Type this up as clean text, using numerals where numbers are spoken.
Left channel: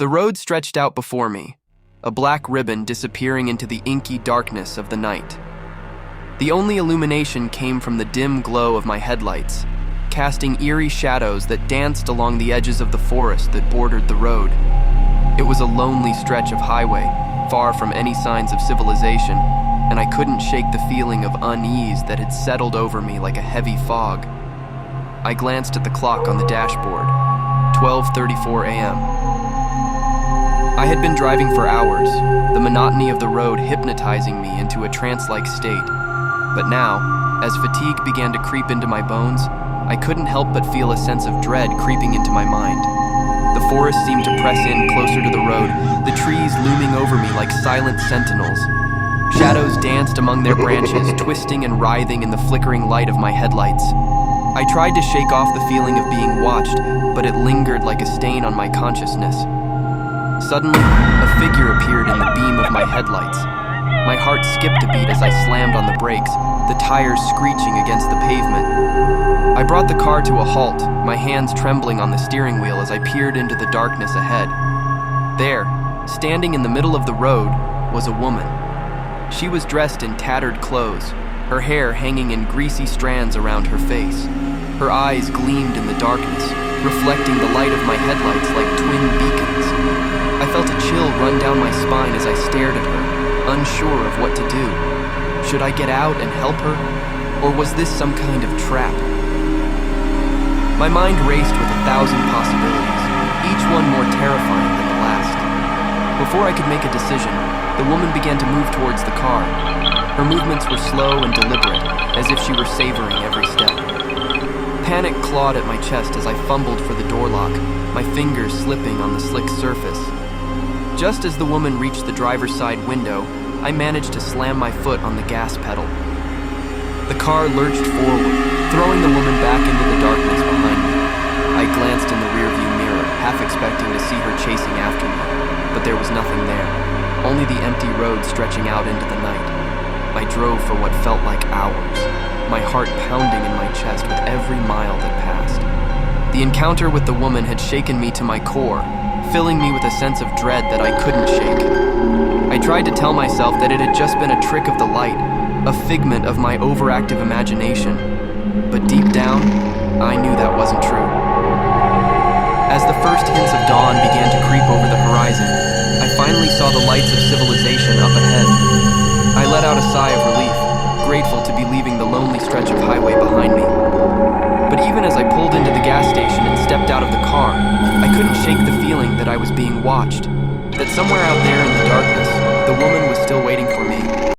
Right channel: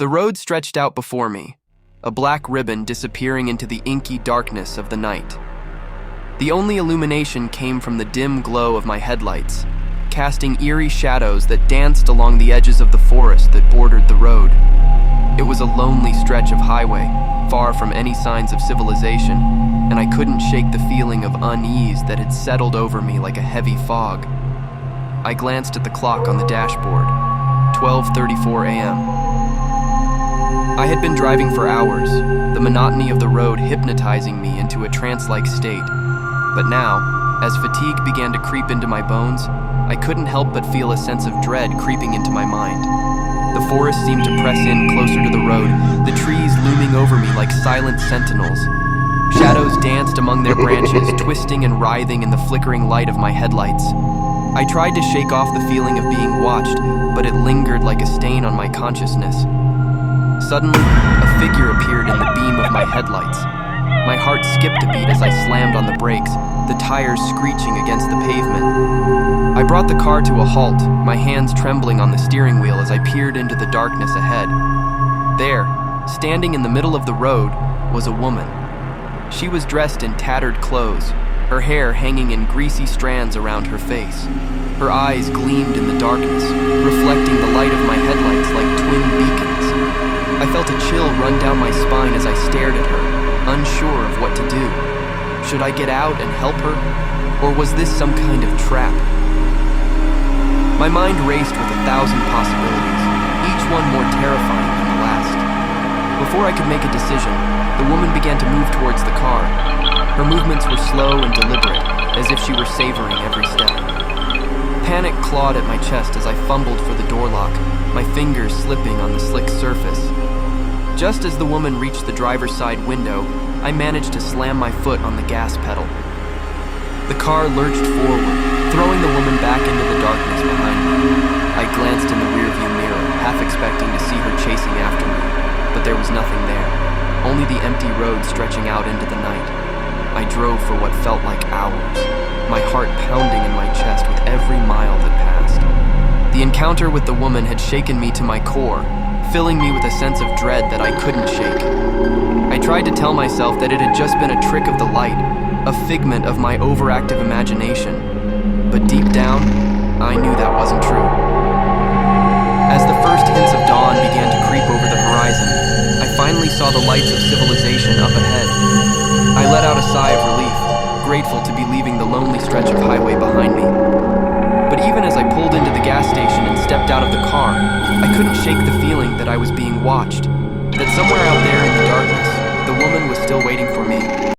The road stretched out before me, a black ribbon disappearing into the inky darkness of the night. The only illumination came from the dim glow of my headlights, casting eerie shadows that danced along the edges of the forest that bordered the road. It was a lonely stretch of highway, far from any signs of civilization, and I couldn't shake the feeling of unease that had settled over me like a heavy fog. I glanced at the clock on the dashboard, 12:34 a.m. I had been driving for hours, the monotony of the road hypnotizing me into a trance-like state. But now, as fatigue began to creep into my bones, I couldn't help but feel a sense of dread creeping into my mind. The forest seemed to press in closer to the road, the trees looming over me like silent sentinels. Shadows danced among their branches, twisting and writhing in the flickering light of my headlights. I tried to shake off the feeling of being watched, but it lingered like a stain on my consciousness. Suddenly, a figure appeared in the beam of my headlights. My heart skipped a beat as I slammed on the brakes, the tires screeching against the pavement. I brought the car to a halt, my hands trembling on the steering wheel as I peered into the darkness ahead. There, standing in the middle of the road, was a woman. She was dressed in tattered clothes, her hair hanging in greasy strands around her face. Her eyes gleamed in the darkness, reflecting the light of my headlights like twin beacons. I felt a chill run down my spine as I stared at her, unsure of what to do. Should I get out and help her? Or was this some kind of trap? My mind raced with 1,000 possibilities, each one more terrifying than the last. Before I could make a decision, the woman began to move towards the car. Her movements were slow and deliberate, as if she were savoring every step. Panic clawed at my chest as I fumbled for the door lock, my fingers slipping on the slick surface. Just as the woman reached the driver's side window, I managed to slam my foot on the gas pedal. The car lurched forward, throwing the woman back into the darkness behind me. I glanced in the rearview mirror, half expecting to see her chasing after me, but there was nothing there, only the empty road stretching out into the night. I drove for what felt like hours, my heart pounding in my chest with every mile that passed. The encounter with the woman had shaken me to my core, filling me with a sense of dread that I couldn't shake. I tried to tell myself that it had just been a trick of the light, a figment of my overactive imagination. But deep down, I knew that wasn't true. As the first hints of dawn began to creep over the horizon, I finally saw the lights of civilization up ahead. I let out a sigh of relief, grateful to be leaving the lonely stretch of highway behind me. But even as I pulled into the gas station and stepped out of the car, I couldn't shake the feeling that I was being watched, that somewhere out there in the darkness, the woman was still waiting for me.